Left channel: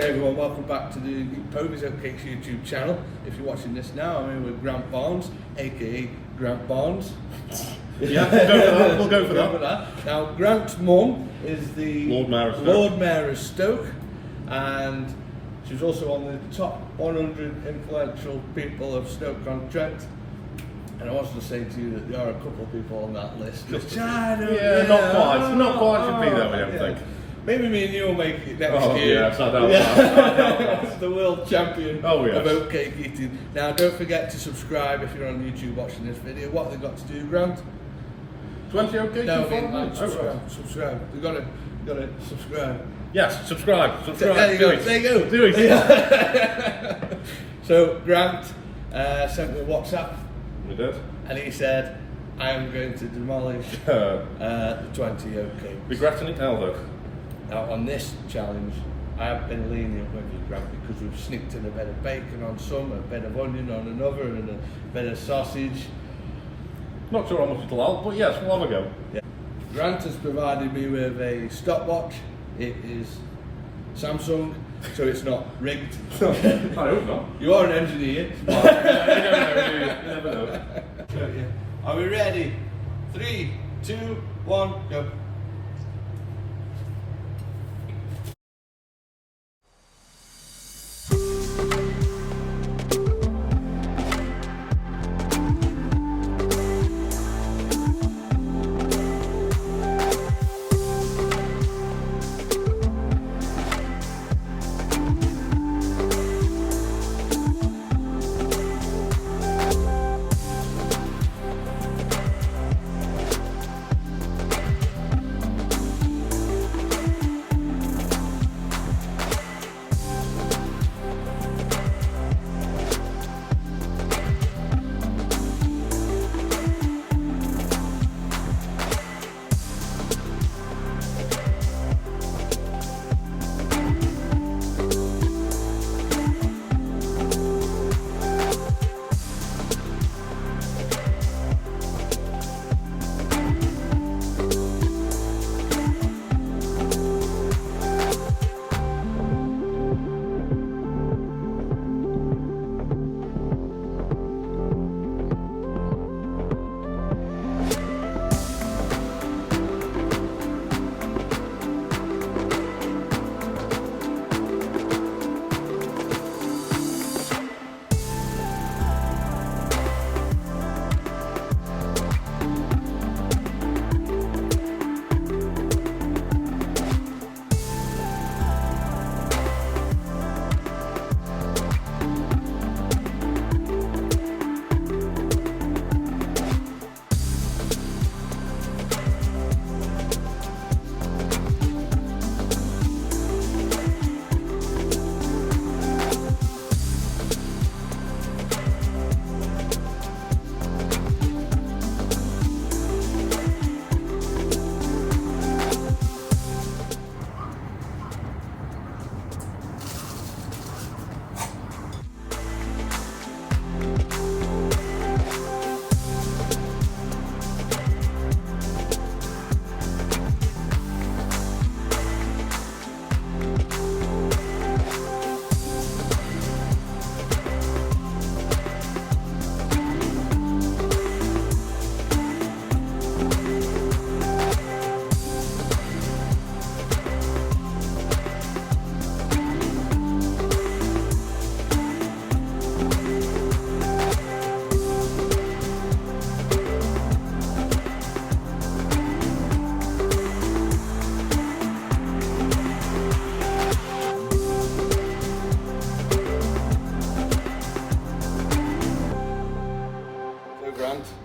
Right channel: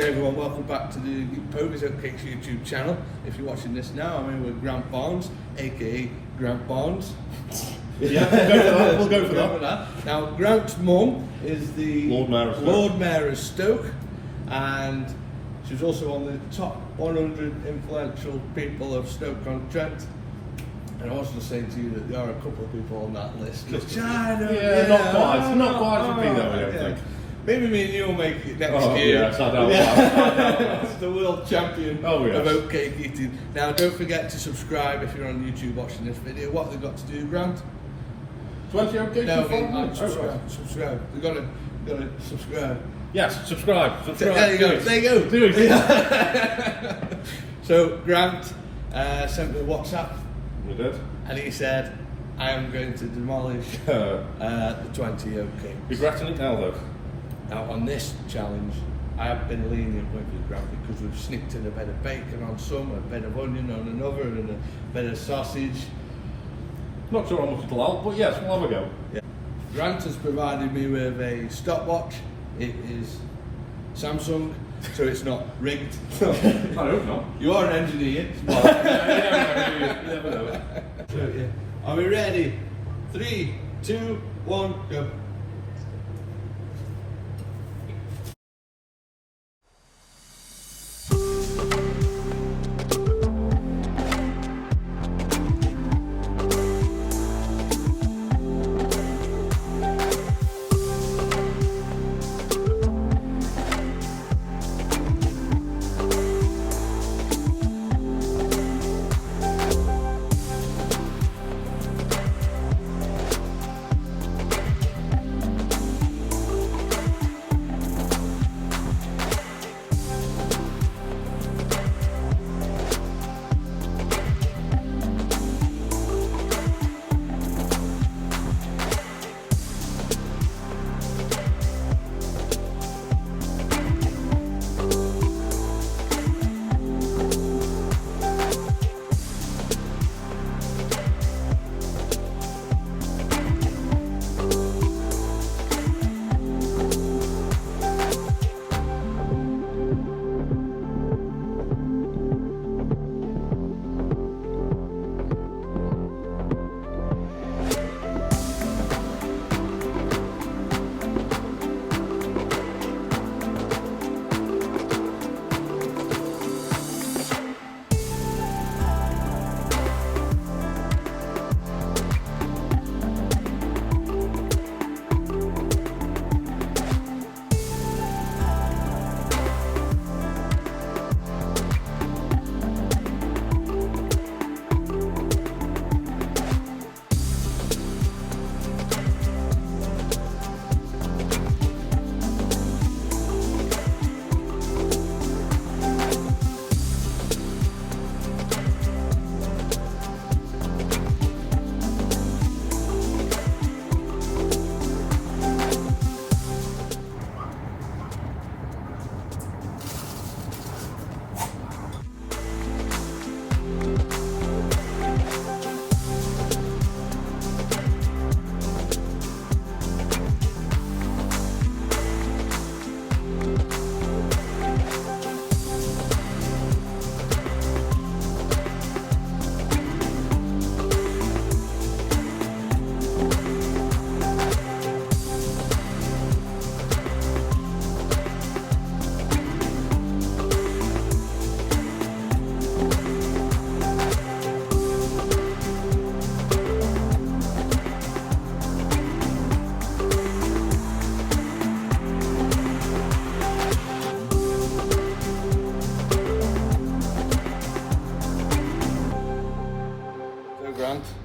Hey everyone, welcome back to the Povey's Oatcakes YouTube channel. If you're watching this now, I'm here with Grant Barnes, aka Grant Barnes. Yeah, we'll go for that. Now, Grant's mum is the Lord Mayor of Stoke, and she was also on the top 100 influential people of Stoke-on-Trent. And I wanted to say to you that there are a couple of people on that list. Which I don't, not quite for me though, I don't think. Maybe me and you will make it next year. Yes, I know. The world champion of oatcake eating. Now, don't forget to subscribe if you're on YouTube watching this video. What have they got to do, Grant? 20 oatcakes? No, subscribe. They've got to subscribe. Yes, subscribe. There you go. There you go. Do it. So, Grant sent me a WhatsApp. You did? And he said, I am going to demolish the 20 oatcakes. Regretting it now though? Now on this challenge, I have been lenient with you, Grant, because we've sneaked in a bit of bacon on some, a bit of onion on another, and a bit of sausage. Not sure how much it'll help, but yes, we'll have a go. Yeah. Grant has provided me with a stopwatch. It is Samsung, so it's not rigged. I hope not. You are an engineer. You never know. Are we ready? 3, 2, 1, go.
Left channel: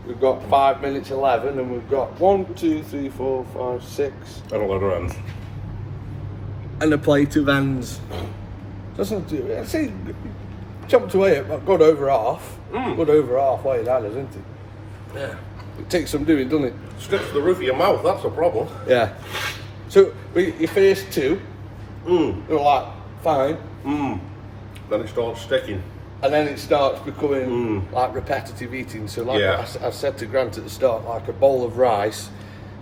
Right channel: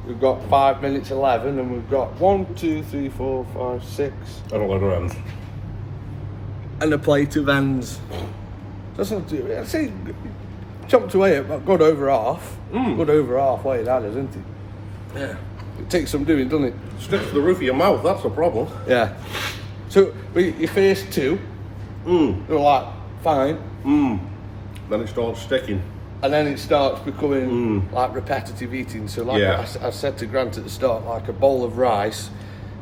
We've got 5 minutes 11, and we've got 1, 2, 3, 4, 5, 6. I don't want ends. And a plate of ends. That's not too. I'd say chopped away at good over half. Good over halfway, that is, isn't it? Yeah. It takes some doing, doesn't it? Sticks to the roof of your mouth, that's the problem. Yeah. So, your first two, you're like, fine. Then it starts sticking. And then it starts becoming like repetitive eating. So like I said to Grant at the start, like a bowl of rice,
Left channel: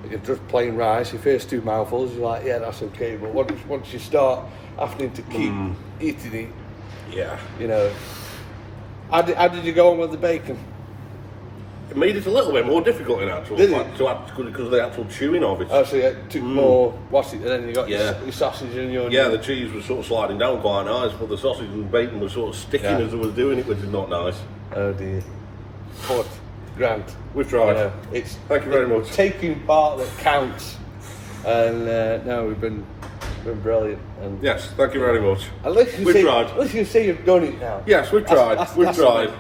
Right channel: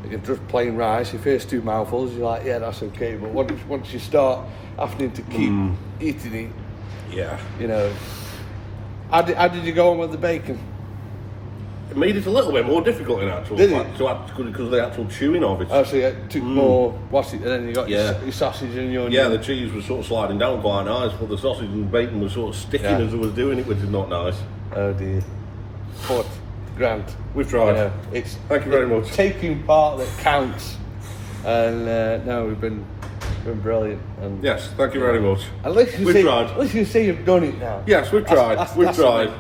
you're just plain rice, the first two mouthfuls, you're like, yeah, that's okay. But once you start having to keep eating it. Yeah. You know. How did you go on with the bacon? It made it a little bit more difficult in actual fact, because of the actual chewing of it. Oh, so you took more plastic, and then you got your sausage and your... Yeah, the cheese was sort of sliding down quite nice, but the sausage and bacon was sort of sticking as I was doing it, which is not nice. Oh dear. But, Grant. We've tried. Thank you very much. Taking part that counts. And no, we've been brilliant. And yes, thank you very much. We've tried. At least you see you've done it now. Yes, we've tried. We've tried.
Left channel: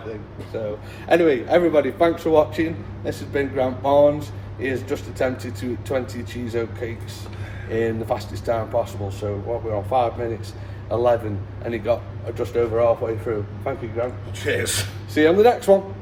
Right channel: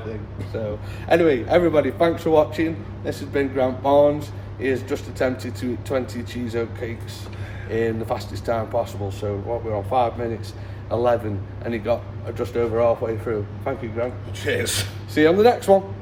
So, anyway, everybody, thanks for watching. This has been Grant Barnes. He has just attempted to eat 20 cheese oatcakes in the fastest time possible. So, what we're on 5 minutes 11, and he got just over halfway through. Thank you, Grant. Cheers. See you on the next one.